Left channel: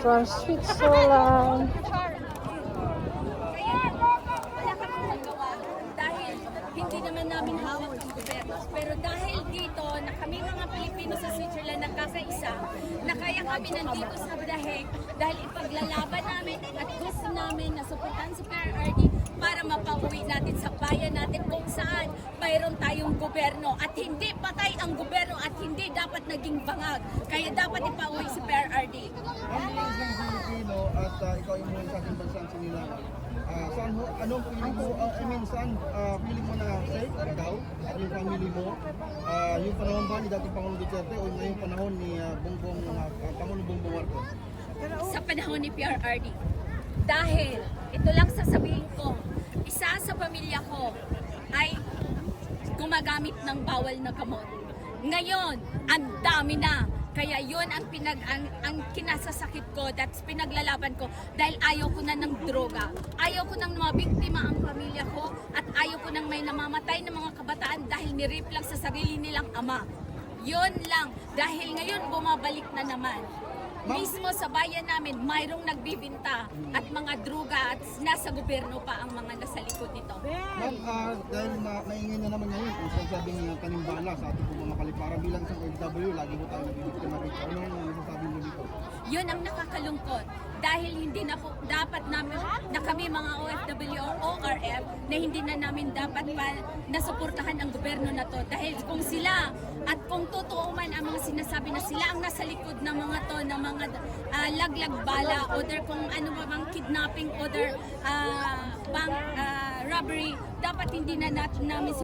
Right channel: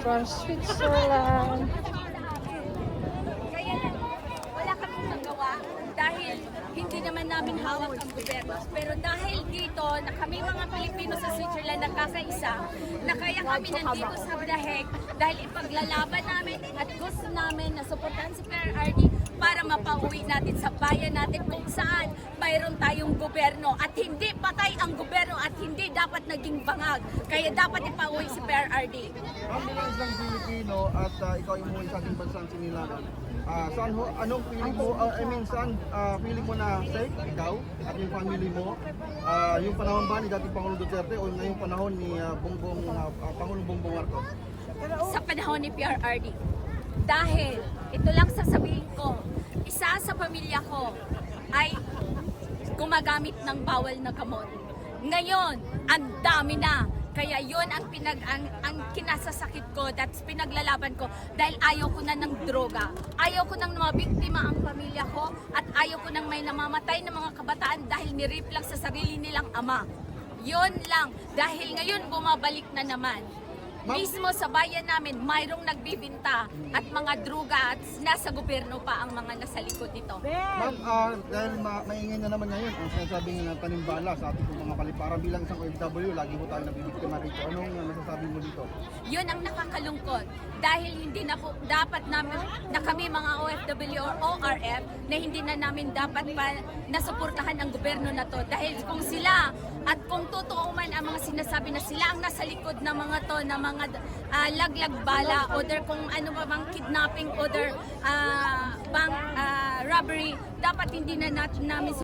from Switzerland. Kaya wala kaming magawa dahil hindi naman namin hawak ang gobyerno. Pero dahil dito na kami mga Pilipino sa Switzerland nagkakaisa, na kaya kami nandito sa Daheg dahil ipaglalaban namin at gusto namin na suportahan si PRRD para mapauwi natin sa bayan natin kung saan mayroon tayong gobyerno at hindi patay ang gobyerno at hindi dapat naging bangag. Kaya dapat ipauwi si PRRD. Ang bilang isang Pilipino at ikaw yung umuwi sa ating bansang sinilangan, saan ho, anong feeling mo, saan feeling mo na safe, ikaw at yung family mo, yung panahon ba ni dating Pangulong Duterte o ngayong panahon ni Pangulong Bongbong Marcos? Sa panahon ni PRRD. Dahil, ito lang sasabihin ko, isa sa pamilya ko ay gumagamit ng bawal na gamot. Ngayon, ang dami na. Kaya yun ang kinasasakit ko, that's pinaglalaban ko dahil ayaw ko na ng droga. Ayaw ko nang mabiktima ang pamilya ko at ayaw ko nang may namamatay ng mga kabataan dahil nirip lang sa sarili nilang ama. Yun lang. Dahil ngayon bumabalik na naman. Mismo sa bayan namin, mayroong nagbibinta at mga droga at nasa gobyerno pa ang mga nasa likod nito. Ma'am, dahil maingay na naman ngayon kung sinasabi ng tanimbala sa ating mga kaliparan bilang isang OFW, lagi mo tayo nabibiktima rito. Anong masasabi mo dito? Yun ang nakakalungkot dahil hindi na po dapat namin na kami mga OFW or ORF na hindi na namin dapat pa nasuportahan ang gobyerno na to dahil kung sila at kung totoo man ang mga sinasabi na sila ang nasa likod ng mga to na mga laglag bala o kung ano ba bang kidnapping o bank robbery, dapat hindi na namin